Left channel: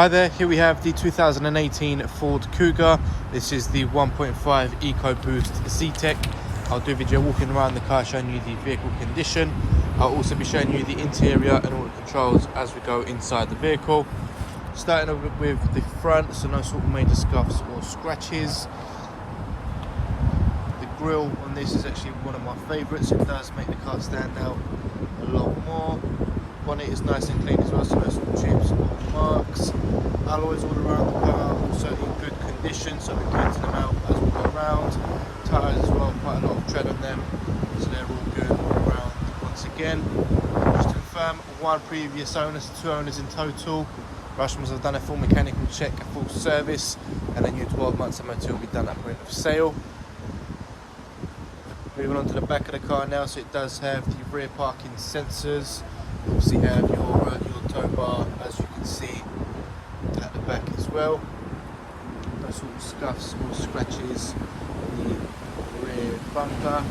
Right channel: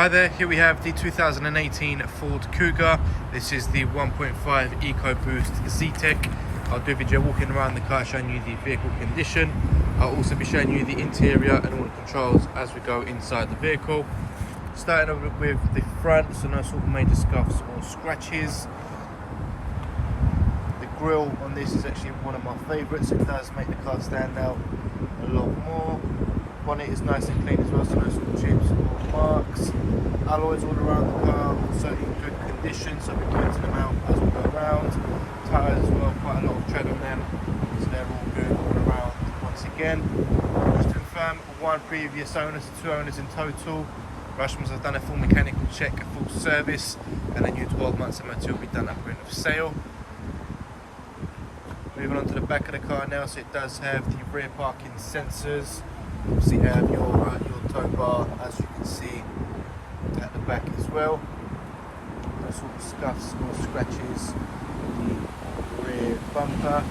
Hi there, here we have the 2018 Ford Kuga. This is the 1.5 EcoBoost Zetec. I'll do a video walking around the car showing you the vehicle condition. I'll also be showing you the interior and all the controls as we go inside the vehicle. Starting off with the front, so no sort of major scuffs or scratches. The grille on this is actually one of my favourites. It does make the car stand out a lot more. Bonnet is nice and clean as well, so no sort of chips or marks. Alloys all around the car, also in good condition, so we're cleansing them out as we go around. Tyres as well, quite a lot of tread on them, so they're all good all around. Once again, just to confirm, one previous owner, so 2 owners in total. Rushmans have done a full mechanical check, a full service, and then your 12 months MOT will be done at point of sale. Moving on to the back of the car now, so it does have the rear parking sensors. You obviously have your tow bar, as you can see at the back as well. No sort of scuffs or scratches on the rear bumper.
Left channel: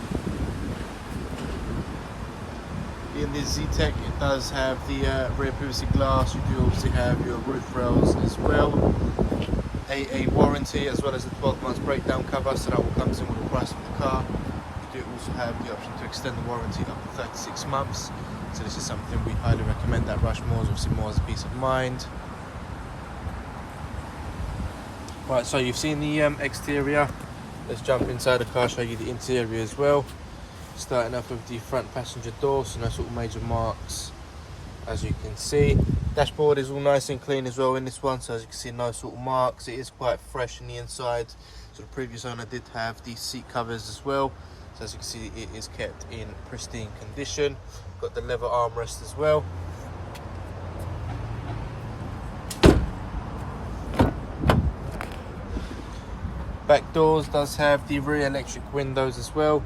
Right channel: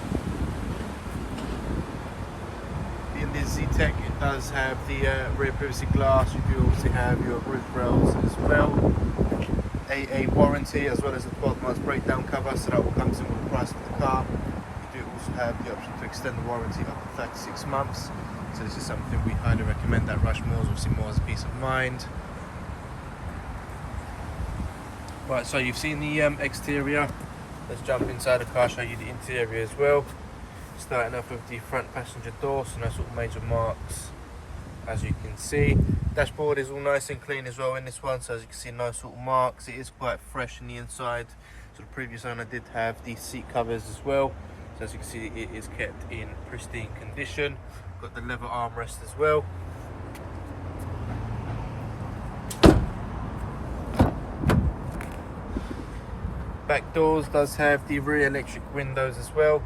Being the Zetec, it does have the rear privacy glass. You do obviously have your roof rails as well. A warranty as well as a 12 months breakdown cover, so that all comes in with the price of the car. You do also have the option to extend the warranty up to 36 months. So this is something we highly recommend at Rushmores, obviously more as a peace of mind. Right, so you've seen the exterior. Let's jump inside the car, show you the interior as well. Starting up with the front passenger door, so no sort of major marks as you can see. Dashboard is all nice and clean as well in this one, so as you can see, no sort of marks. It is quite fresh in the inside. So the previous owner did have the seat covers as well. So as you can see, it is kept in pristine condition. Got the leather armrest as well. Back doors does have the rear electric windows as well.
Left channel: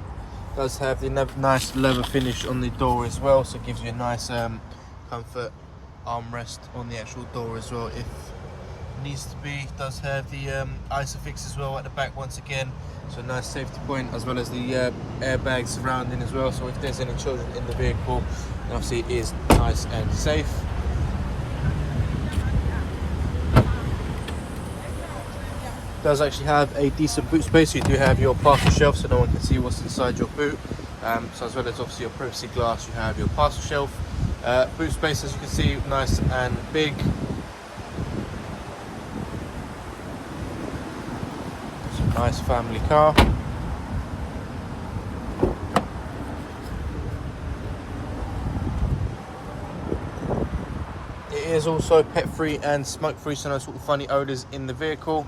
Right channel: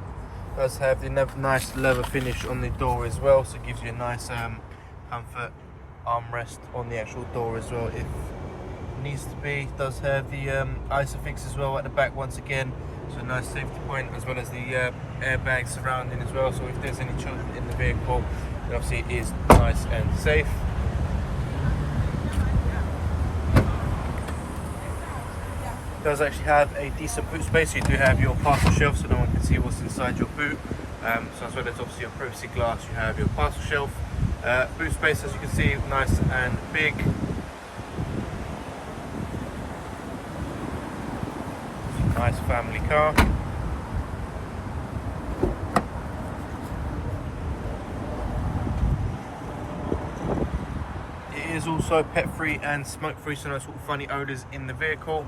Does have the nice leather finish on the door as well, so it gives you a nice comfort armrest on the actual door as well if needs to be. Does have the Isofix as well at the back once again, so a nice safety point, as well as the airbags surrounding as well, so if there's any children in the vehicle, then obviously it is nice and safe. Does actually have a decent boot space. You do have your parcel shelf, so no one can see what's inside your boot. So as well as obviously your privacy glass, you have your parcel shelf. Boot space, as you can see, nice and big. It's a nice family car. It is also pet free and smoke free, so no sort of funny odours in the vehicle.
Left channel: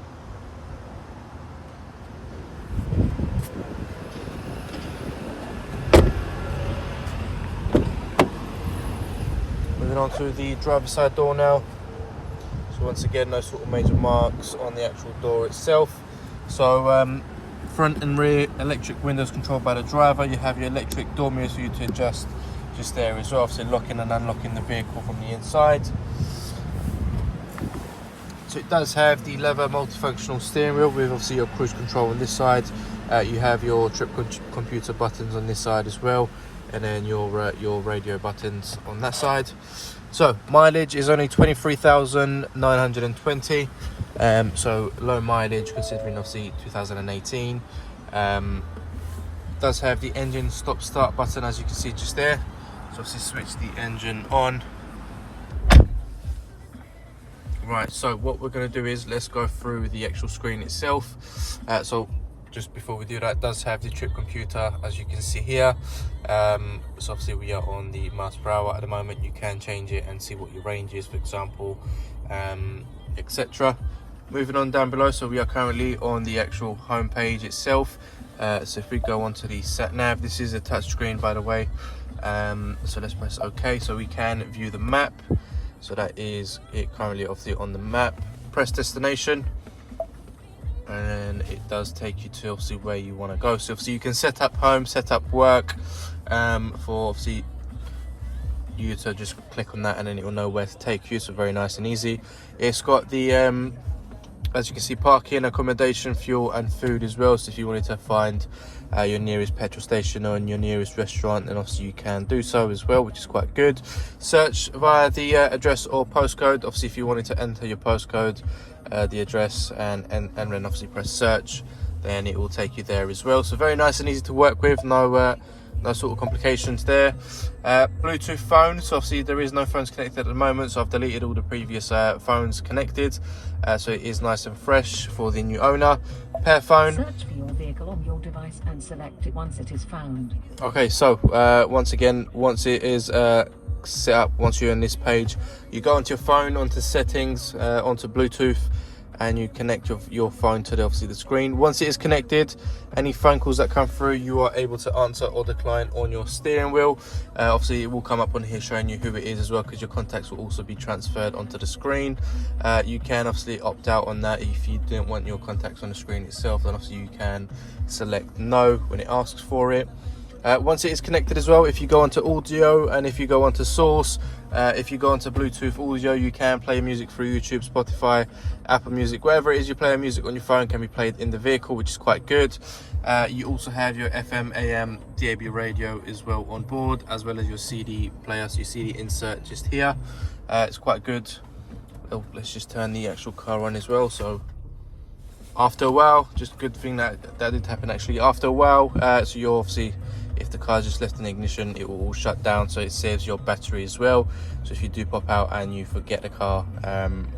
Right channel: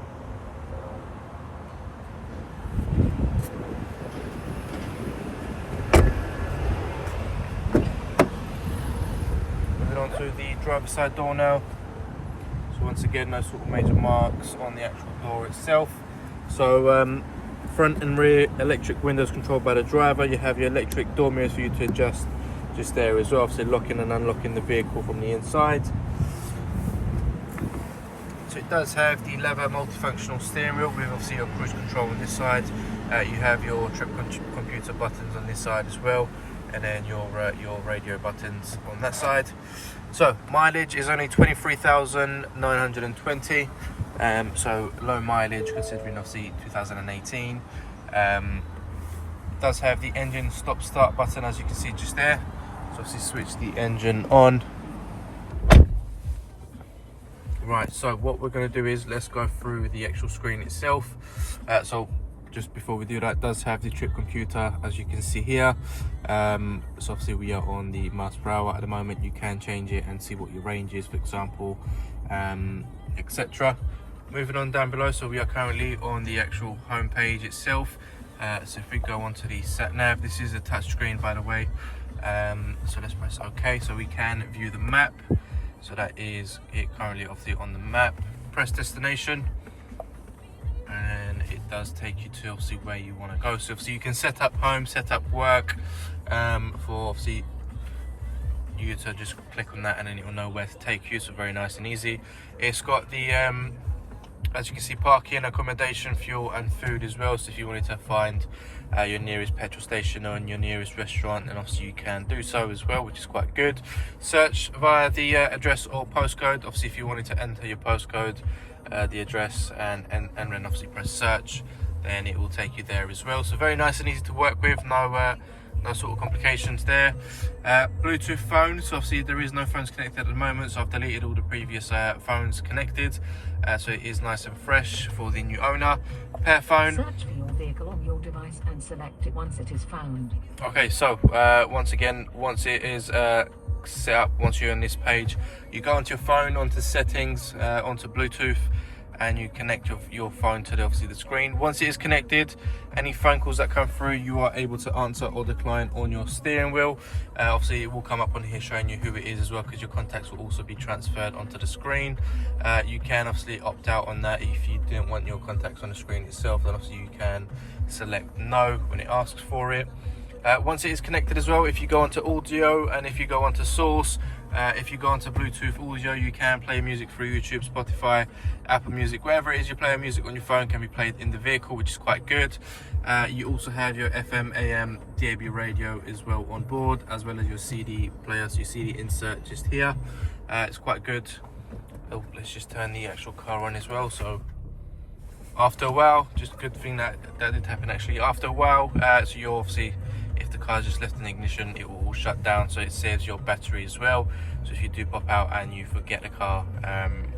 Onto the driver's side door now, so once again, no sort of major marks on the actual door itself. So front and rear electric windows controlled by the driver. You have your electric door mirrors for you to adjust just there as well, obviously locking and unlocking the vehicle from the inside. So it does have the leather multifunctional steering wheel with obviously your cruise control on this side. You have your trip computer buttons on this side as well, and then your radio buttons on that side. So mileage is only 23,920, so low mileage considering obviously 2018. Does have the engine stop start button, as you can see just there, so obviously switch the engine on. Right, so what we're going to do is let's go through the actual screen itself. So just before we do that, it does have the trip computer, as you can see here. So obviously we are on the miles per hour at the moment. You can change it and see what your range is, for example, etc. Moving on down below, so we are currently on the actual home page itself. So if we go onto the sat nav, this is a touch screen, by the way. So let's press OK, so we can view the map. So that is it currently obviously on the map. Press destination, and it does take you to obviously where you want to go. So obviously you can set up home, set up work, for obviously you to just click on that and then it will know where to take you, so very nice and easy. It's got the as you can see, parking, accommodation, fuel and food as well. So if you wanted to find your nearest petrol station or your nearest restaurant, then obviously you can do so as well, which is quite good. Search via the address or postcode. Obviously if you wanted to enter your postcode, the address, and then obviously press search, then it will take you there as well. So very nice and easy to work with, no sort of complications there. Bluetooth phone, so obviously there is no phones connected at the moment, so I've deleted all the previous phones connected, so it is nice and fresh for the new owner. Pair phone. Search for your vehicle on your device and select it once it is found. Okay, so once again, once it is set up, once you're on this page, you go onto your phone, onto settings, onto Bluetooth, and you connect your phone to obviously the screen. Once it is connected, any phone calls that come through, you are able to answer or decline on your steering wheel. Obviously it will come up on here showing you who it is as well, because your contacts will also be transferred onto the screen. You can obviously opt out on that. If you didn't want your contacts on the screen itself, then obviously you can select no when it asks for it. Once it is connected as well, if you go onto audio and if you go onto source, if you go onto Bluetooth audio, you can play music through YouTube, Spotify, Apple Music, wherever it is you play music on your phone can be played in the vehicle, which is quite good. You also have your FM, AM, DAB radio as well on board, as well as your CD player, so your CD insert just here. It's quite good. Oh, let's just turn the actual car on as well. So after a while, just a good thing that did happen actually. After a while, so you're obviously, if the car just left in ignition, it will all shut down, so it saves your battery as well. So if you do pop out and you forget the car,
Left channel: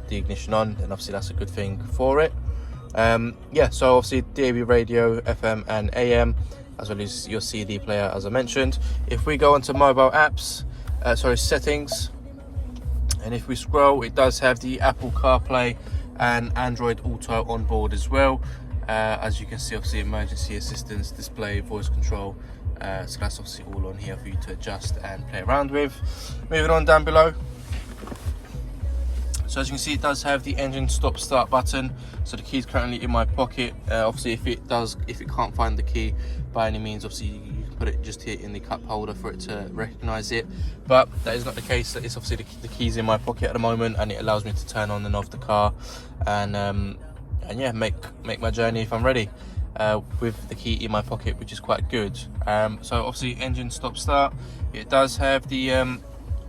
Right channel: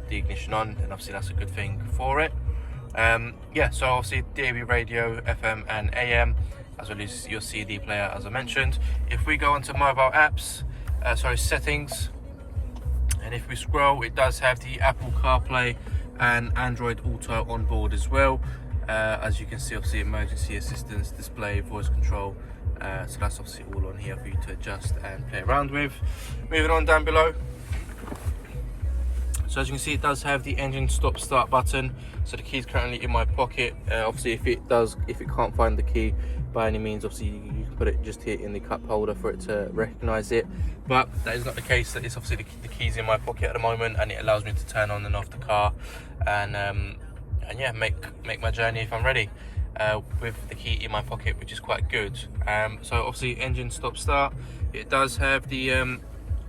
the ignition on, then obviously that's a good thing for it. Yeah, so obviously DAB radio, FM and AM, as well as your CD player, as I mentioned. If we go onto mobile apps, settings, and if we scroll, it does have the Apple CarPlay and Android Auto on board as well. As you can see, obviously emergency assistance, display, voice control. So that's obviously all on here for you to adjust and play around with. Moving on down below, so as you can see, it does have the engine stop start button. So the key is currently in my pocket. Obviously if it can't find the key by any means, obviously you can put it just here in the cup holder for it to recognize it, but that is not the case. It's obviously the keys in my pocket at the moment, and it allows me to turn on and off the car and yeah, make my journey if I'm ready. With the key in my pocket, which is quite good. So obviously engine stop start, it does have the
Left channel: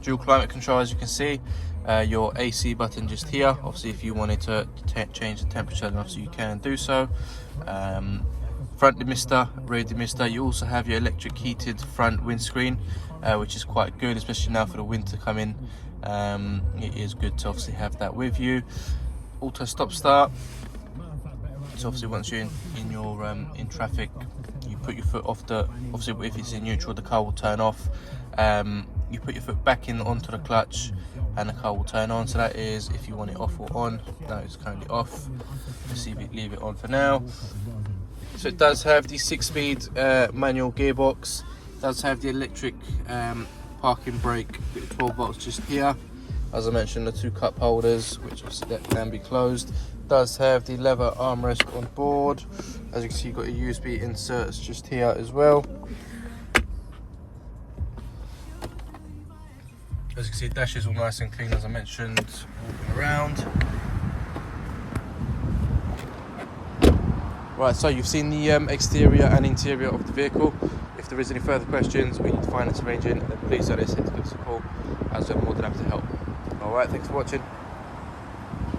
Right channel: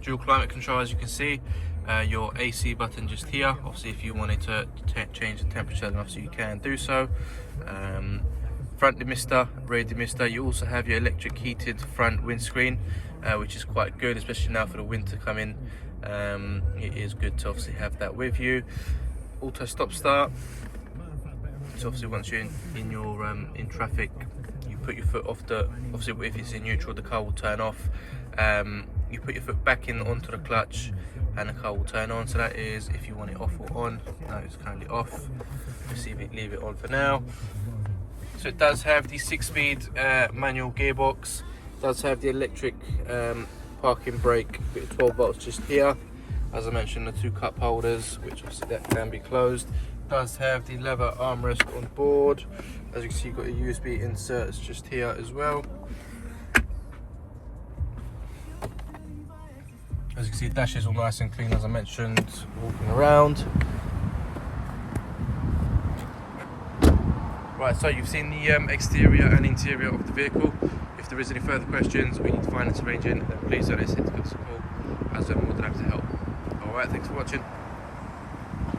dual climate control, as you can see. Your AC button just here. Obviously if you wanted to change the temperature, then obviously you can do so. Front demister, rear demister. You also have your electric heated front windscreen, which is quite good, especially now for the winter coming. It is good to obviously have that with you. Auto stop start. So obviously once you're in your in traffic, you put your foot off the, obviously if it's in neutral, the car will turn off. You put your foot back in onto the clutch and the car will turn on. So that is if you want it off or on. That is currently off. Leave it on for now. So it does have the 6-speed manual gearbox. It does have the electric parking brake with 12 volts just here. As I mentioned, the 2 cup holders, which obviously that can be closed. Does have the leather armrest on board. As you can see, you've got a USB inserts just here as well. As you can see, the dash is all nice and clean, as I mentioned, walking around. Right, so you've seen the exterior and interior of the vehicle. If there is any further questions, we need to finance arranging, then please don't hesitate to give us a call, as we're more than happy to help. Alright, thanks for watching.